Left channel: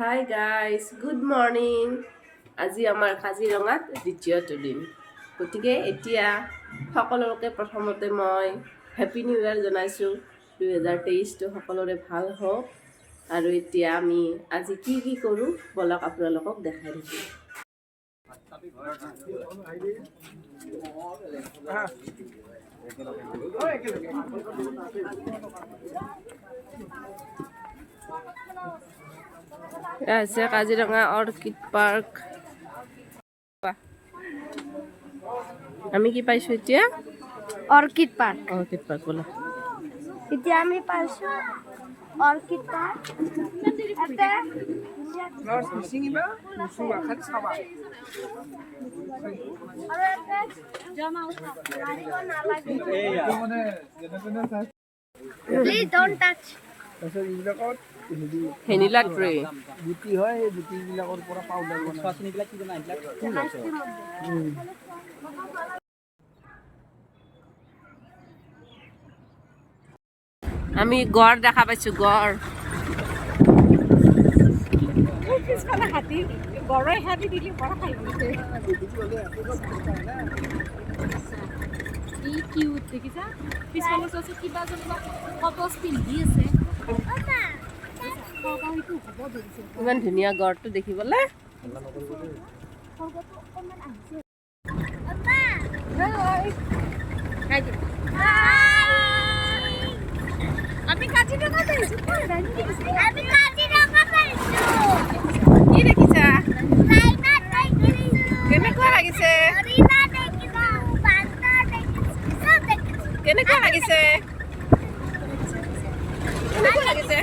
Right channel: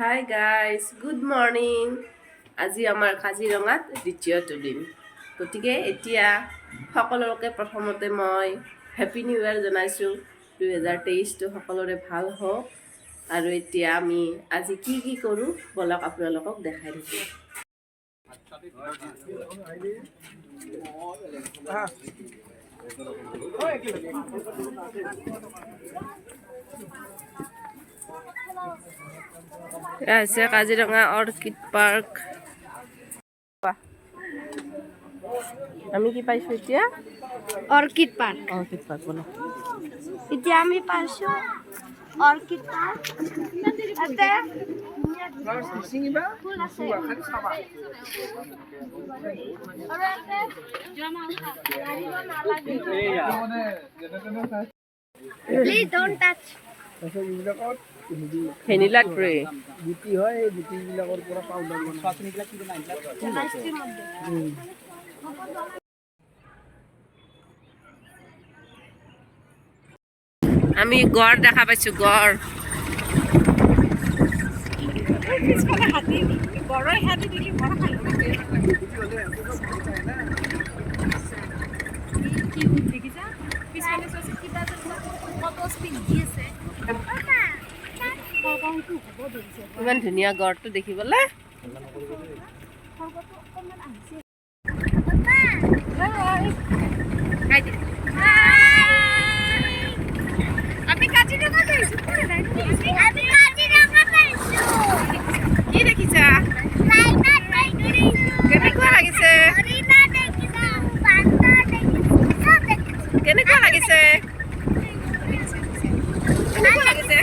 Hi guys, good morning. আজি আমাৰ কাজিৰঙাত দ্বিতীয়টো দিন, গতিকে এতিয়া সকলোকে প্ৰথমতে মই হেপী নিউ ইয়েৰ জনাইছোঁ। 2023টো সকলোৰে ভাল হওক। আৰু এতিয়া আমি আজি কি কি কৰোঁ ব'লক আপোনালোকক দেখাই দিছোঁ। এয়া হৈছে কাজিৰঙা অৰ্কিড পাৰ্ক। আমি কি পাইছোঁ এতিয়া? Orchid park. অৰ্কিড পাৰ্ক বোলা। এতিয়া আমি পাইছোঁ অৰ্কিড পাৰ্ক। ইয়াতে ফুল আছে। আৰু ইয়াতে মাৰিব নালাগে। Please don't touch. Vanilla tray. গুটি হয়, এই গুটিবিলাকৰ পৰা পাউডাৰ আমি গড় দেখা পাইছোঁ, গড়। ইমান ধুনীয়া গড়টো দেখিবলৈ। আমি কাজিৰঙা পাইছোঁ। কি দেখিছা? কেনেকুৱা লাগিছে? কেনেকুৱা লাগিছে? কেনেকুৱা লাগিছে?